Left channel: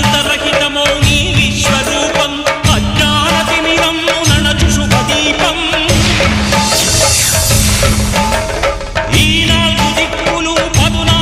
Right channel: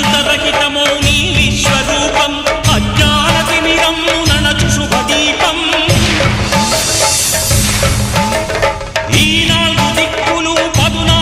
అనంతరహితమౌ నీ విశ్వరూపం అజ్ఞానతిమిరము నడచు శుభదీపం. ఈ నాలుగు దిక్కులు పదునా